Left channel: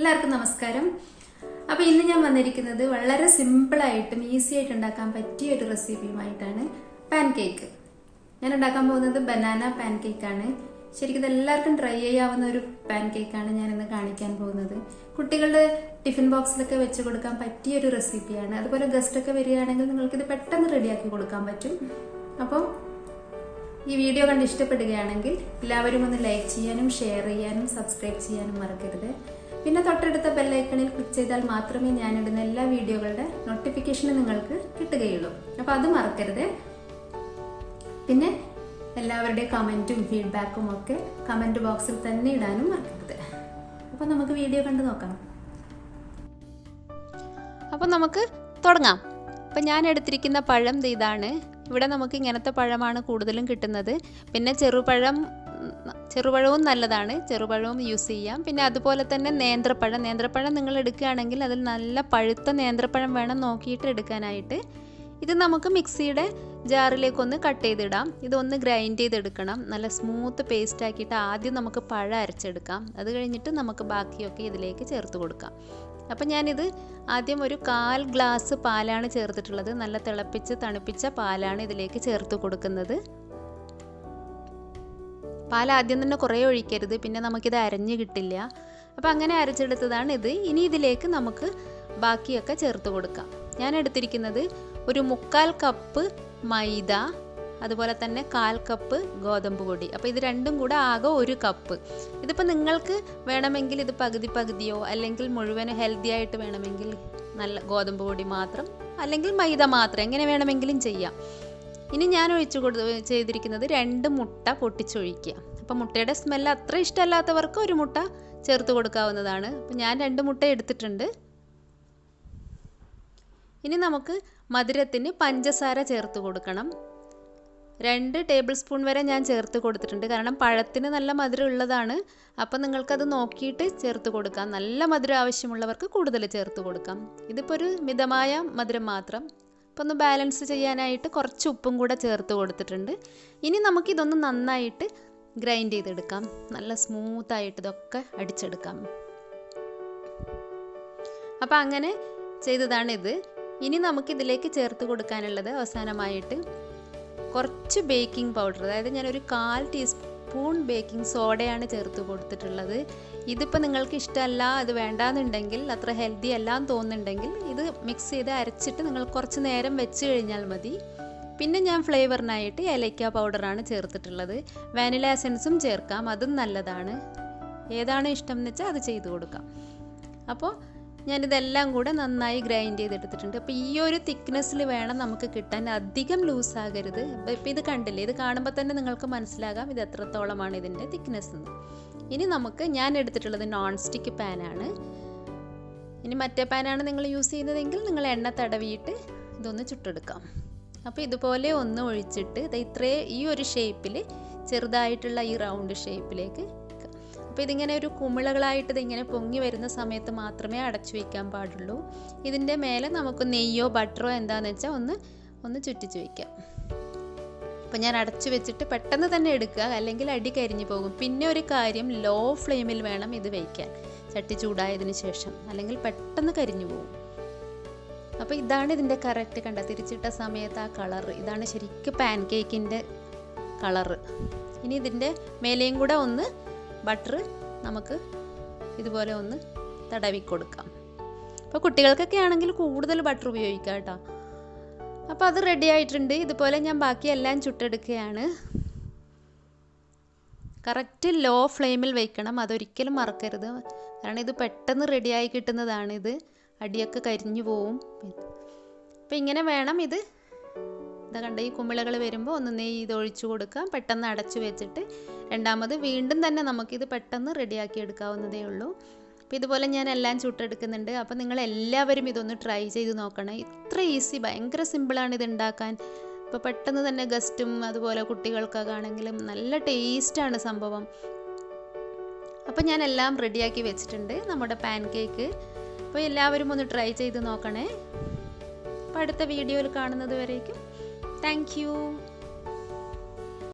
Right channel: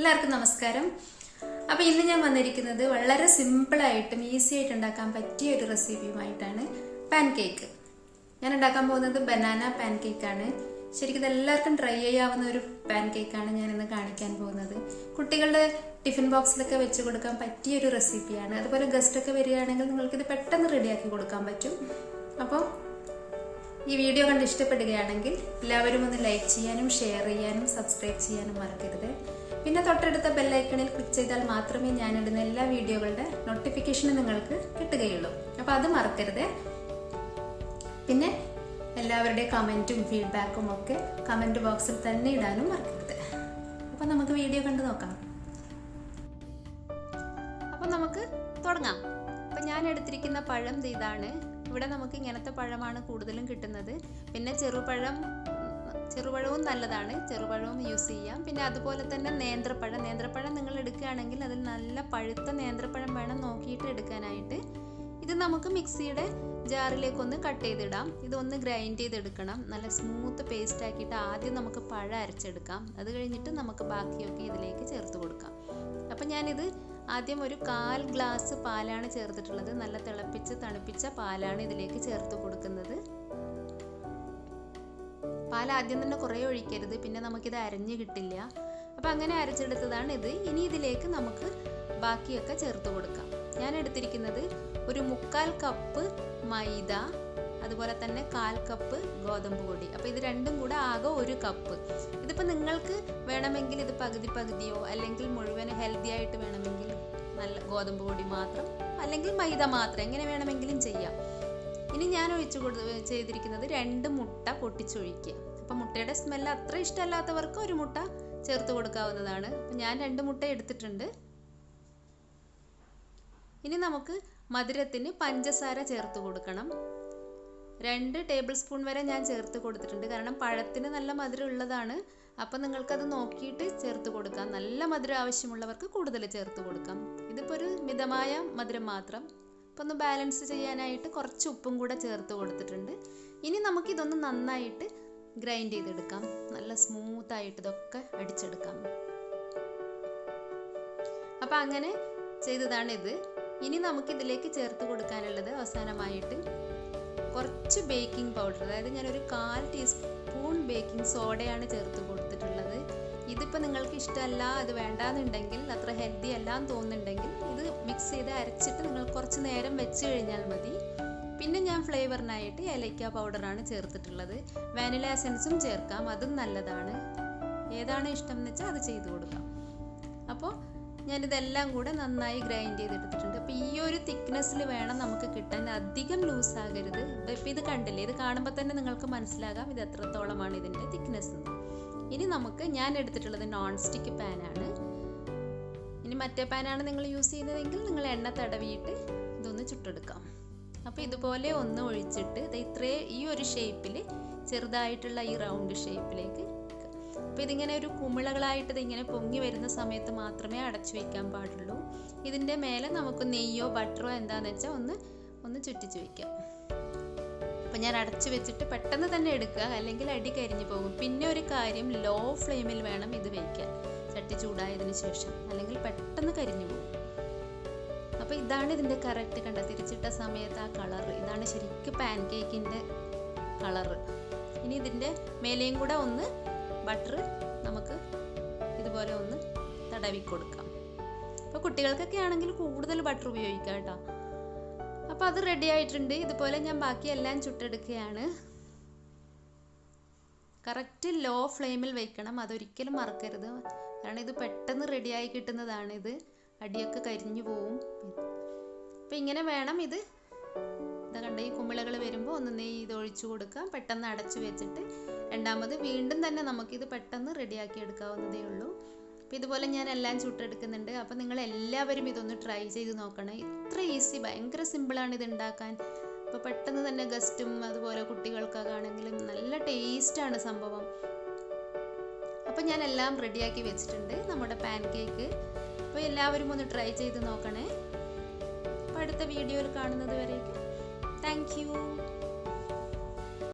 എല്ലാവർക്കും നമസ്കാരം. അപ്പോൾ ഇന്ന് ഞാൻ വന്നിരിക്കുന്നത് വളരെ സിമ്പിളായിട്ടും ഈസി ആയിട്ട് ഉണ്ടാക്കാൻ പറ്റിയ ഒരു റെസിപ്പിയുമായിട്ടാണ്. പാൻകേക്ക്. ഞാൻ ഉണ്ടാക്കാൻ പോകുന്നത് ബനാന പാൻകേക്കാണ്. ശരിക്കും എല്ലാവർക്കും ട്രൈ ചെയ്യാവുന്ന ഒരു പാൻകേക്കാണ് ഞാൻ ഇന്ന് കാണിക്കാൻ പോകുന്നത്. കുട്ടികളുടെ ടിഫിൻ ബോക്സിലൊക്കെ വെച്ച് കൊടുക്കാൻ പറ്റിയ ഒരു റെസിപ്പിയാണ്. അതുപോലെ ഗസ്റ്റ് ഒക്കെ വരികയാണെങ്കിൽ നിങ്ങൾക്കിത് പെട്ടെന്ന് റെഡിയാക്കി കൊടുക്കാൻ പറ്റും. അപ്പോൾ ഈ വീഡിയോ കണ്ട് ഇഷ്ടപ്പെടുകയാണെങ്കിൽ എല്ലാവരും ഒന്ന് ലൈക്ക് ചെയ്യാനും ഷെയർ ചെയ്യാനും സബ്സ്ക്രൈബ് ചെയ്യാനും മറക്കരുത്. പിന്നെ തൊട്ടടുത്ത ബെല്ലൈക്കണിൽ ക്ലിക്ക് ചെയ്താൽ മാത്രമേ ഞാനിടുന്ന എല്ലാ വീഡിയോകളുടെ നോട്ടിഫിക്കേഷനും നിങ്ങൾക്ക് കിട്ടുകയുള്ളൂ. അപ്പോൾ അത് മറക്കരുത്. പിന്നെ എല്ലാവരുടെയും കമൻറ്റും ഫീഡ്ബാക്കും ഒക്കെ കമൻറ്റ് ബോക്സിൽ തന്നെ ഇടാനും മറക്കരുത്. അപ്പോൾ നമുക്ക് വീഡിയോ കണ്ടു നോക്കാം. അപ്പോൾ നമുക്ക് തുടങ്ങാം. അപ്പം ഞാൻ എടുത്തിരിക്കുന്ന പഴം ഇതാണ്. ഇവിടെ നമുക്ക് ഇങ്ങനത്തെ പഴമാണ് കൂടുതലും കിട്ടുന്നത്. പിന്നെ ചെറുപഴവും നല്ലതാണ്, ചെറുപഴവും യൂസ് ചെയ്യാം. പിന്നെ അതുപോലെ തന്നെ നേന്ത്രപ്പഴം നിങ്ങൾ എടുക്കുകയാണെങ്കിൽ അതിൽ നല്ല പഴുത്ത നേന്ത്രപ്പഴം വേണം നോക്കിയിട്ട് എടുക്കാനായിട്ട്. ഇത് നമുക്ക് മിക്സിയുടെ ജാറിലേക്കൊന്ന് കട്ട് ചെയ്തിടാം. ഇതൊന്ന് ഗ്രൈൻഡ് ചെയ്തെടുക്കണം. നല്ല സ്മൂത്ത് പേസ്റ്റ് ആക്കിയിട്ട് ആദ്യം നമുക്ക് പഴം അരച്ചെടുക്കാം. അത് കഴിഞ്ഞിട്ട് നമുക്ക് ബാക്കിയൊക്കെ ഇതിലേക്ക് ചേർത്ത് കൊടുക്കാം. അപ്പം ഞാനിത് ആദ്യം ഒരു 1/4 ഗ്ലാസ് പാലാണ് ചേർത്തിട്ടുള്ളത്. നല്ല തിളപ്പിച്ച് തണുപ്പിച്ച പാലാണ് ഇതിലേക്ക് ചേർത്ത് കൊടുക്കുന്നത്. പാൽ ആദ്യം തന്നെ കുറേ ഒഴിക്കരുത്, പിന്നെ നമുക്കിത് അരഞ്ഞ് കിട്ടില്ല. അപ്പോൾ അങ്ങനെ അരച്ചെടുത്തതാണ് ഇത്. ഇനി ഇതിലേക്ക് നമുക്ക് ബാക്കിയൊക്കെ ചേർത്ത് കൊടുക്കാം. ഞാൻ എടുത്തിരിക്കുന്നത് ഒരു 1/4 കപ്പ് മൈദ, അതുപോലെ തന്നെ 1/4 കപ്പ് ഗോതമ്പ് പൊടി. അപ്പോൾ ഇത് രണ്ടും കൂടെ ആകെ 1 കപ്പ്. ഇതിപ്പോൾ നിങ്ങൾക്ക് വേണമെങ്കിൽ ഇത് പകുതിയോ അല്ലെങ്കിൽ മുഴുവൻ ഹെൽത്തി ആയിട്ട് വേണമെങ്കിൽ നല്ല ഗോതമ്പ് പൊടി മാത്രം അല്ലെങ്കിൽ മൈദ മാത്രം, എങ്ങനെ വേണമെങ്കിലും ചെയ്യാം. ഇനി ഞാൻ ചെയ്തിരിക്കുന്നത് 2 മുട്ട പൊട്ടിച്ചൊഴിക്കുക. അപ്പോൾ മുട്ടയുടെ സ്മെല്ല് അത്ര ഇഷ്ടമല്ലാത്തവർക്ക് 1 മുട്ട ചേർത്ത് കൊടുക്കാവുന്നതാണ്. അപ്പോൾ ഞാൻ 2 മുട്ട എടുത്തിട്ടുണ്ട്. ഇനി നമുക്ക് മധുരത്തിന് പഞ്ചസാര ചേർത്ത് കൊടുക്കണം. 2 ടേബിൾ സ്പൂൺ വരെ ഞാൻ ചേർത്ത് കൊടുത്തിട്ടുണ്ട്. കാരണം പഴത്തിന് നല്ല മധുരം ഉള്ളതാണ്. അപ്പോൾ നിങ്ങൾക്കത് നോക്കിയിട്ട് ചേർത്ത് കൊടുക്കാം. നല്ല മധുരം ആവശ്യമുള്ളവർക്ക് കൂടുതൽ ചേർത്ത് കൊടുക്കാം. ഇതിപ്പോൾ ഒരു മിതമായ മധുരം മാത്രം. അപ്പോൾ ഒന്ന് ബാലൻസ് ചെയ്യാനായിട്ട് കുറച്ച് ഉപ്പും കൂടെ ചേർത്ത് കൊടുത്തിട്ടുണ്ട്. ഇനി നമുക്കിതൊന്ന് നന്നായിട്ട് ഗ്രൈൻഡ് ചെയ്തെടുക്കാം. നല്ല സ്മൂത്തായിട്ട് ഇതൊക്കെ അടിച്ചെടുക്കാം. അപ്പോൾ അങ്ങനെ ചെയ്തതാണ് ഇത്. ഇനി നമുക്കിതിലേക്ക് ചേർത്ത് കൊടുക്കാനുള്ളത് അവസാനമായിട്ട് കുറച്ച് ബേക്കിംഗ് പൗഡർ, അതായത് ഞാനൊരു 1/4 ടീസ്പൂൺ ബേക്കിംഗ് സോഡയാണ് ചേർത്ത് കൊടുത്തിട്ടുള്ളത്. ഇതിപ്പോൾ നിങ്ങൾക്ക് ഇഷ്ടമല്ല, അത് വേണ്ടാന്നുണ്ടെങ്കിൽ, അത്ര ഹെൽത്തി അല്ല എന്ന് തോന്നുന്നുണ്ടെങ്കിൽ ഇത് മിക്സ് ചെയ്ത് അരച്ചിട്ട് നിങ്ങൾ കുറച്ച് നേരം വെച്ച് കഴിഞ്ഞാൽ മതി. പിന്നെ ഞാൻ ഫ്ലേവറിനായിട്ട് ഏലക്ക പൗഡറാണ് ചേർത്തിട്ടുള്ളത്. വാനില എസൻസും ചേർക്കാം, അതും നല്ലതാണ്. ഏതാണ് ഇഷ്ടം എന്ന് വെച്ചാൽ അത് ചെയ്ത് കൊടുക്കാം. അപ്പോൾ ഞാനിതെല്ലാം കൂടെ നന്നായി ഗ്രൈൻഡ് ചെയ്തെടുത്തിട്ടുണ്ട്. അപ്പോൾ ഈ ഒരു തിക്നെസ്സിൽ വേണം നമുക്ക് കിട്ടാൻ, അധികം ലൂസാകരുത്. ഇപ്പോൾ ഇത് കണ്ടില്ലേ, ഇത് കാണുമ്പോൾ തന്നെ നിങ്ങൾക്ക് മനസ്സിലാകാം ഇത് എത്രത്തോളമാണ് ഇതിൻ്റെ തിക്നെസ് എന്ന്. ഇനി ഞാൻ എടുത്തിട്ടുള്ളത് നോൺ സ്റ്റിക്ക് പാനാണ്. ഇനി മറ്റേ പാനാണ് നിങ്ങൾ യൂസ് ചെയ്യുന്നതെങ്കിൽ നിങ്ങൾ എണ്ണ തടവിയിട്ട് ഇതൊന്ന് ചുട്ടെടുക്കാം. അപ്പോൾ ഇതുപോലെ ഒന്ന് ഒഴിച്ചിട്ട് ഈ ഒരു ഷേപ്പിൽ ചെറുതായിട്ടുള്ള ഈ റൗണ്ട് ഷേപ്പിലേക്ക്. അപ്പോൾ ഇതിങ്ങനെ ഒരു കുമിളകളായിട്ട് ഇതിങ്ങനെ പൊങ്ങി വരുന്ന സമയത്ത് മാത്രമേ അടച്ചു വയ്ക്കാൻ പാടുള്ളൂ. ഇതിൻ്റെ മേലെ നമുക്ക് നെയ്യോ ബട്ടറോ എന്താണെന്ന് വെച്ചാൽ ഒന്ന് ചുറ്റിച്ച് വയ്ക്കാം. അപ്പോൾ ഞാൻ അടച്ചു വെച്ചിട്ട് പെട്ടെന്ന് തന്നെ എടുക്കുക, അല്ലെങ്കിൽ അടി കരിഞ്ഞു പോകും. പിന്നെ ഒരു കാര്യം, ലോ ഫ്ലെയിമിൽ വേണം ഇത് വയ്ക്കാൻ ചട്ടി ചൂടായതിന് ശേഷം, അല്ലെങ്കിൽ പെട്ടെന്ന് കരിഞ്ഞു പോകും. അപ്പോൾ ഇതാണ് ഇതിൻ്റെ കറക്റ്റ് തിരിച്ചിട്ട സമയത്ത് ആ കളറ്, ഇതാണ് ശരിക്കും പാൻകേക്കിൻ്റെ കളറ്. ഇനി ഇതിൻ്റെ മേലെയും കൂടെ ഒന്ന് ബട്ടർ നമുക്ക് ഇതുപോലെ ഒന്ന് തടവി കൊടുക്കാം. അപ്പോൾ കുട്ടികൾക്കൊക്കെ ആണെങ്കിൽ കൂടുതൽ ബട്ടർ ഉപയോഗിക്കാം കേട്ടോ. അപ്പോൾ അത് റെഡി ആയിട്ടുണ്ട്. ഇതുപോലെ ഞാൻ ബാക്കിയെല്ലാം ചുട്ടെടുക്കുകയാണ്. കറക്റ്റ് ലോ ഫ്ലെയിമിൽ വയ്ക്കണം, അതൊരിക്കലും മറക്കരുത്. കാരണം ഇത് പെട്ടെന്ന് റെഡിയായി കിട്ടുന്നതാണ്. ഇത് അടിയൊക്കെ കരിഞ്ഞു പോവും. അപ്പോൾ ഇങ്ങനെ വേണം ഇത്. കണ്ട ഈ കുമിളകൾ വരുമ്പോൾ ഒന്ന് നെയ്യ് ഇത് ഒഴിച്ചു കൊടുക്കാം. പെട്ടെന്ന് അടച്ചു വെച്ചിട്ട് രണ്ടാമത് വീണ്ടും തന്നെ നമുക്കിത് പെട്ടെന്ന് റെഡിയാക്കി എടുക്കാവുന്നതേ ഉള്ളൂ. അപ്പോൾ ഇതുപോലെ ഞാൻ എല്ലാം ചുട്ടെടുക്കുന്നുണ്ട്. അപ്പോൾ നിങ്ങൾ എല്ലാവരും ഇതൊന്ന് ട്രൈ ചെയ്ത് നോക്കണം. ഇത്ര ഈസി, ഭയങ്കര സിമ്പിളാണ് ഇത് ഉണ്ടാക്കാൻ. അപ്പോൾ പെട്ടെന്ന് തന്നെ ഗസ്റ്റും അതുപോലെ കുട്ടികൾക്കൊക്കെ ആണെങ്കിലും നല്ല ടേസ്റ്റാണ് സംഭവം. അപ്പോൾ ഞാൻ എല്ലാം റെഡിയാക്കി വെച്ചിട്ടുണ്ട് നമ്മുടെ പാൻകേക്ക്. അപ്പോൾ എല്ലാവരും ഒന്ന് ട്രൈ ചെയ്ത് നോക്കണേ. അപ്പോൾ അടുത്ത വീഡിയോയിൽ കാണുന്നത് വരേക്കും താങ്ക് യു.